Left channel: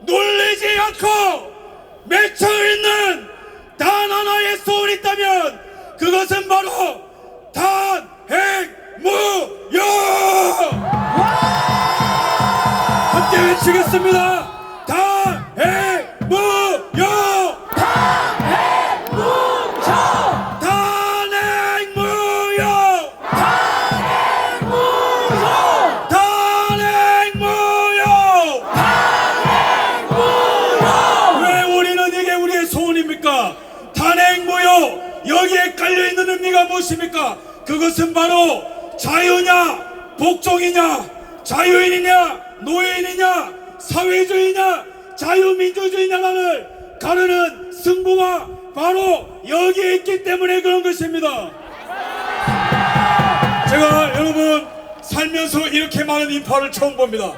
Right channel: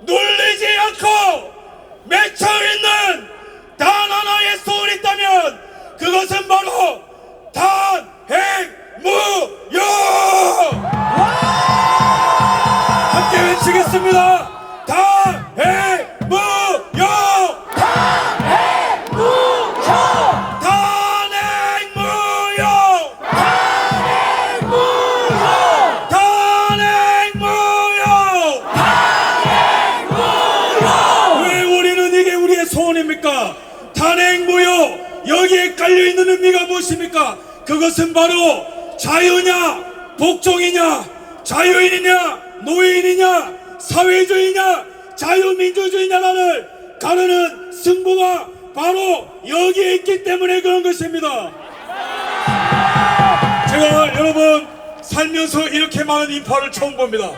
놀리지 않고 맺혀 있는 단 하나의 소원이 있다면 그것은 바로 단행무용 함께 외치겠습니다 여기에 깔려있는 의미가 무엇입니까? 그것은 바로 자유냐 복종이냐 자유인이냐 노예인이냐 사회주의냐 자유민주주의냐를 가르는 승부가 바로 여기에 있기 때문에 그런 것입니다 제가 여러분 살면서 이렇게 많은 인파를 처음 봅니다.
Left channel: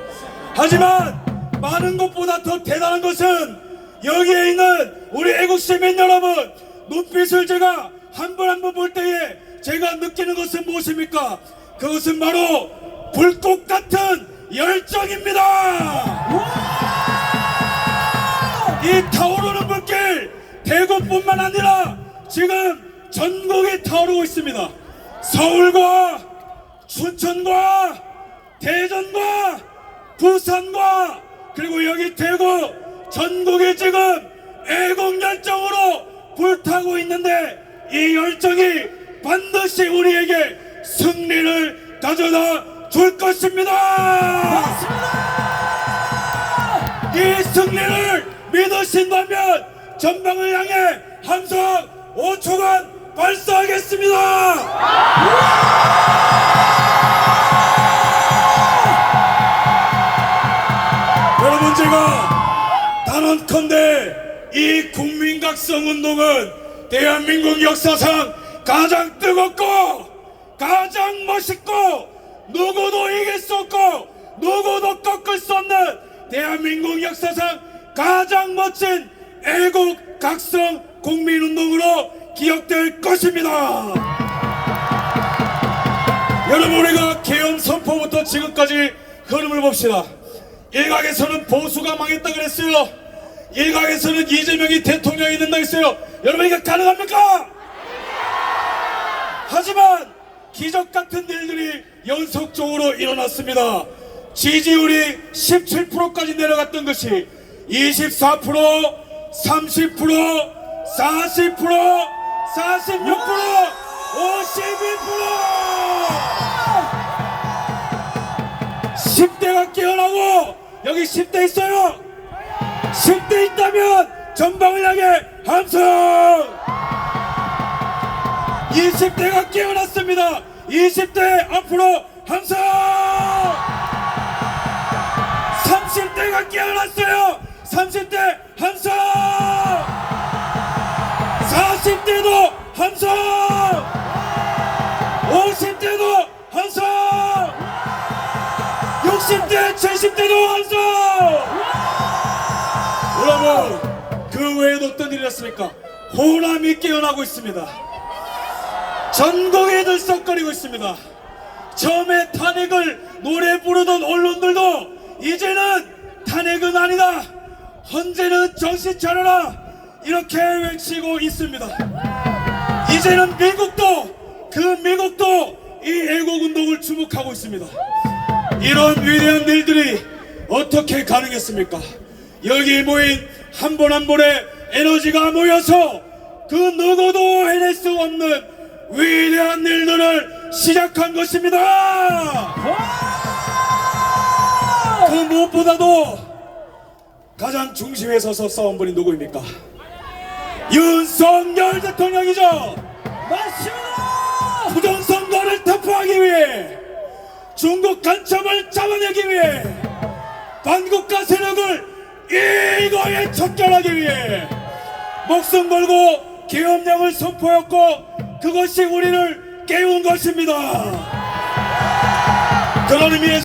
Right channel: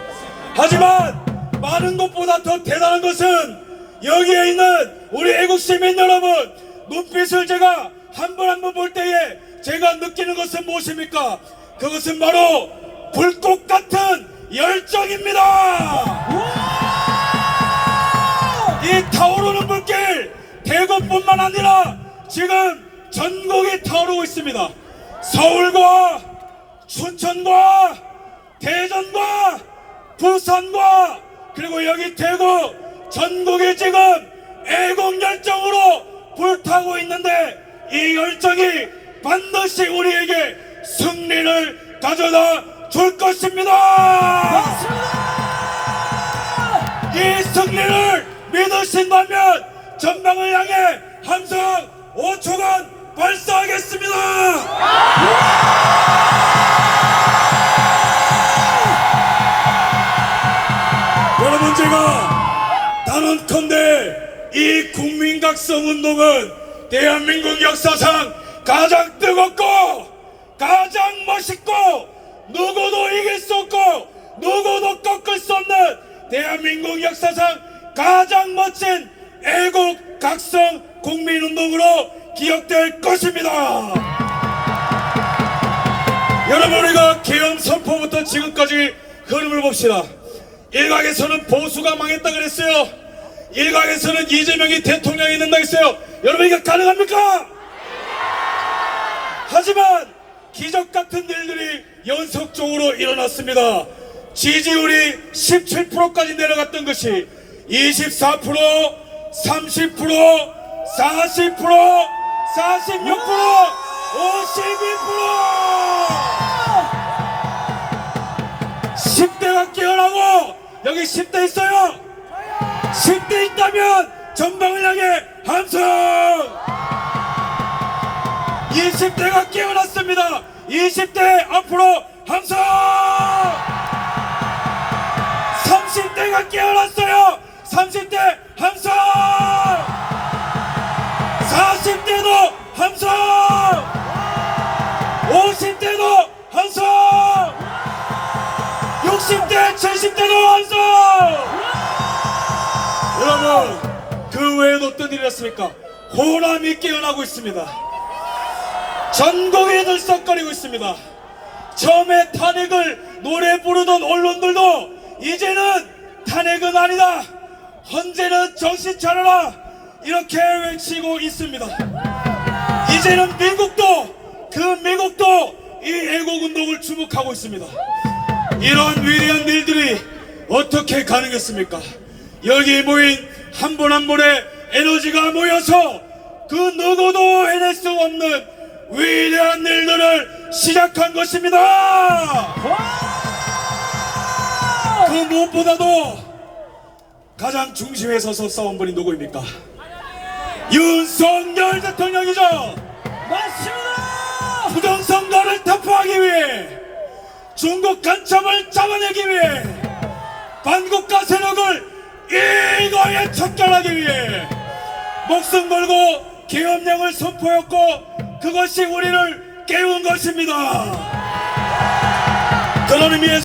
하지만 많은 것보다 더 대단한 것은 여기에 있는 우리 애국 시민 여러분 눈빛을 제가 한 번 한 번 볼 때에 제가 느끼는 것은 무엇입니까? 그것은 바로 불꽃 같은 열정입니다. 이 타오르는 불길 대구뿐만 아니라 지금 전국이 타오르고 있습니다. 서울과 춘천과 대전과 부산과 그리고 여기 대구 전국이 지금 애국 열정으로 불타고 있는데 이 열정이 반드시 우리에게 승리를 가져다 줄 것입니다. 이 승리를 믿으신다면 전방을 향해 함성 5초간 발사하겠습니다. 여러분 제가 단언컨대 이 국민각성 운동은 대한민국 역사상 가장 뜨겁고 가장 멋있고 누구도 이길 수 없고 누구도 꺾을 수 없는 대한민국 역사상 가장 멋진 애국 각성 국민운동으로 기억될 것입니다. 여러분 우리가 계엄 선포부터 지금까지 흐름을 봅시다. 일각에서는 보수가 망했다 그랬어요. 일각에서는 이재명이 대통령이 된다 했어요. 여러분 이게 가능합니까? 하지만 기적 같은 일들이 연속적으로 일어났습니다. 지지율이 17%까지 내려갔던 것이 24%, 30%, 40%, 46%, 52%! 10대가 깨어나고 여기 10대 있어요 10대 있다면 전방을 향해 함성! 20대가 깨어났습니다. 20대 앞으로 함성! 30대가 깨어났어요. 30대 함성! 40대도 함성! 50대도 함성! 60대, 70대도 완성! 여러분, 그 외에도 어떤 일이 있습니까? 호남이 깨어나고 있습니다. 전국이 들썩거리고 있습니다. 처음에 탄핵을 노래 부르던 언론들도 이제는 탄핵은 아니다. 헌재는 정신 차려라. 이렇게 외치고 있습니다. 이제는 미국도 그 미국도 이 애국운동을 주목하고 있습니다. 이런 위대한 일들이 어떻게 가능했습니까? 여기 모인 한 분 한 분의 에너지가 모여서 그 누구도 해낼 수 없는 위대한 일들을 시작한 것입니다. 그 무엇보다도 가장 중심에 서서 싸운 분이 누구입니까? 윤석열 대통령이죠. 맞습니다. 부정선거를 터프하기 위해 중국 간첩을 잡아내기 위해 반국가 세력을 일거에 척결하기 위해 목숨 걸고 계엄령을 선포했고 그것이 우리를 깨운 것입니다. 그런 의미에서